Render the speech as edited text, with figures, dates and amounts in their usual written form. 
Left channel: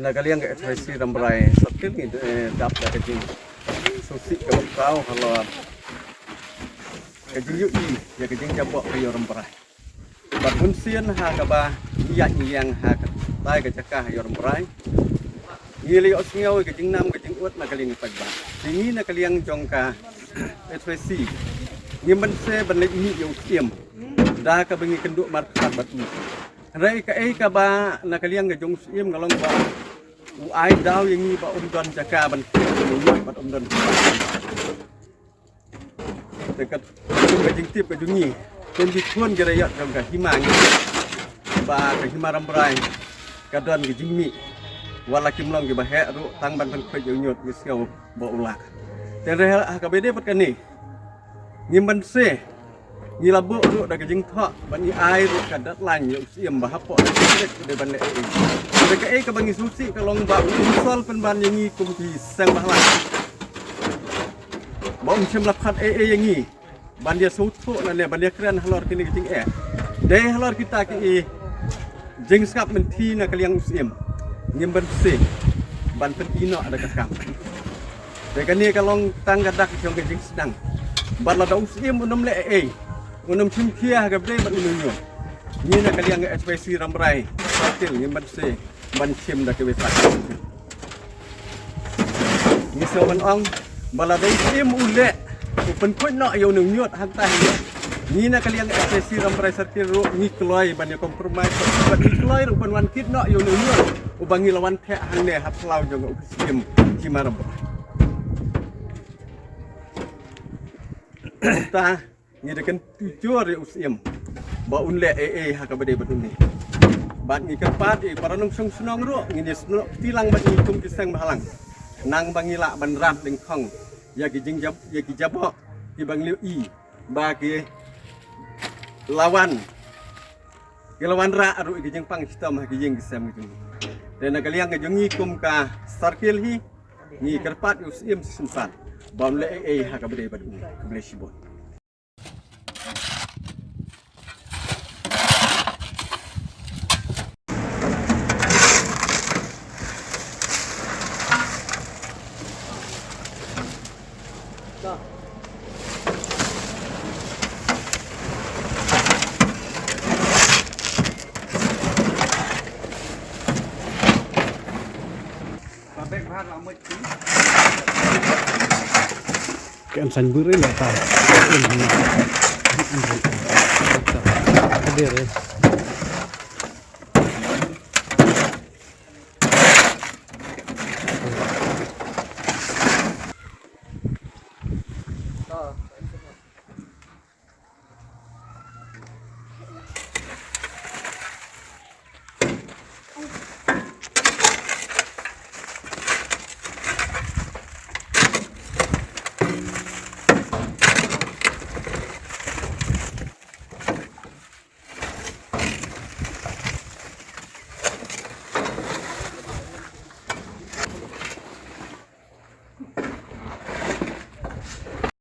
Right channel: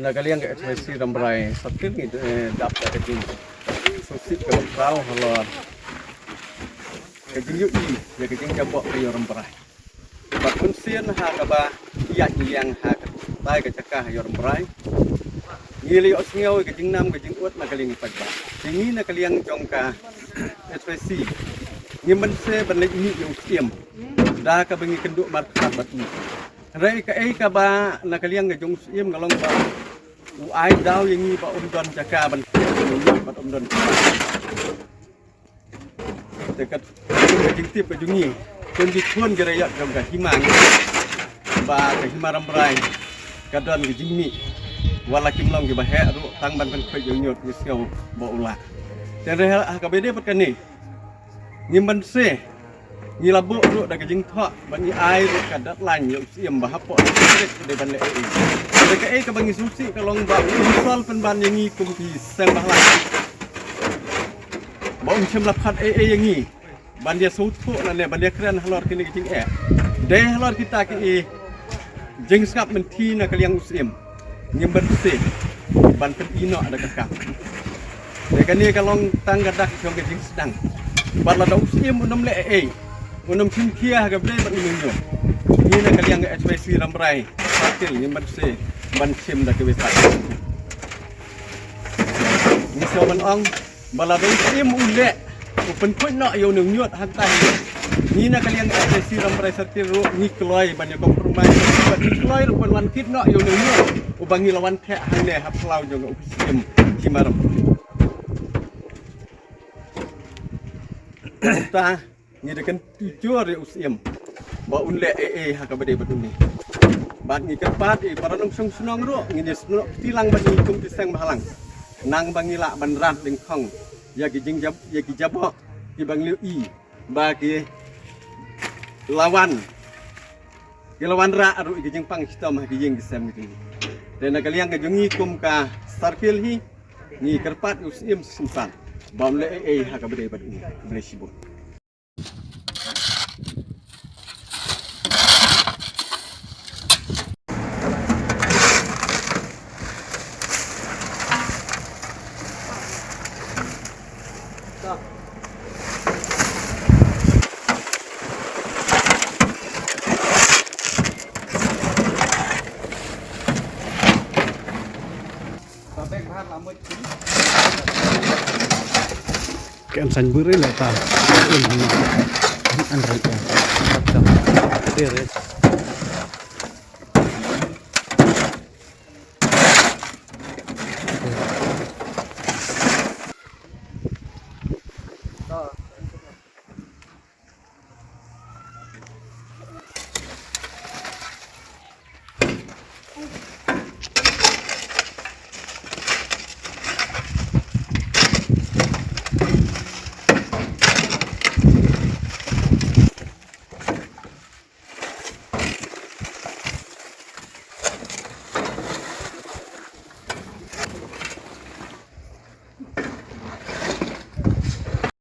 Nagaliang ke ekspresi rambrai sakit ni dap dah kecing susi ke bakau halor kecing yui ya kecing jabok ke rambrai bat pun sian ha ka ba iya yang ha tai ke cakah rambrai ngili osngau kecing nam kecing ut nagaliang pag ba sini nagaliang jongka ekspresi ngimen se banlek ni yo tiem da ka bengi kenduk markat batu rai ka ba nakaliang ke jong siem ngalong ba ai dau yang ni ba don jaka ban ni ba don dekat kejing tip ke jungi kem di thun ke rayat jong ka himang ba ke himaram brai ka don ke jimmi wala kim long ke ba he ru tang ban ban khoi nyot ni sngau ba ula te re ha ka bede pat kan ni ngimban se ni labu ru da kejing thok ban ni ai ru ka dat lan yo siem ba hapo da kek de ban le mereka ke bangi susi kalong ba unsol penban yang ni kumpi sang bahlang ba chem laphat yang ni ban dia sutu na le ban dia kran halor kini kicing de halor kita ki jeng skap menti na kaliang usim nyem bersih ban pen ino ada kakak de kan ni kalong tang gadak jong kicing sedang ban la usim unam le unam chin kia ga bre ban unun ni na kaliang ekspresi rambrai sakil nyem bersih ban sim dah kebesak. Ni seorang orang baladong sim ulek, open point nak yo nyut hantai. Ni nak kalian ekspresi rambrai sarkir ro ni keloi ban kompromi. Buat ni keloi rupan wan kit nak yo nyut. Ubangi lawan thek hang le hap lau jo sim himaram. Ta ni dekan tujuh re usim. Ba unle ha ka bade bat ni. Bat ni kepat para nong sung sunong ro ngini sunok tilang bat ni tung kisang bahalang nang bangila ban ram ding khong ya ki jing jab ya ki jabok ki bang liu i ba ki lawan ra ro ki jing pang stom ki jing kisam ki dan kalian ke jungi kum ka sarkil hi ni kerpat usim simpan bom le ha ka bade bat ni boleh sibut cái anh xanh bữa đấy là ta anh rồi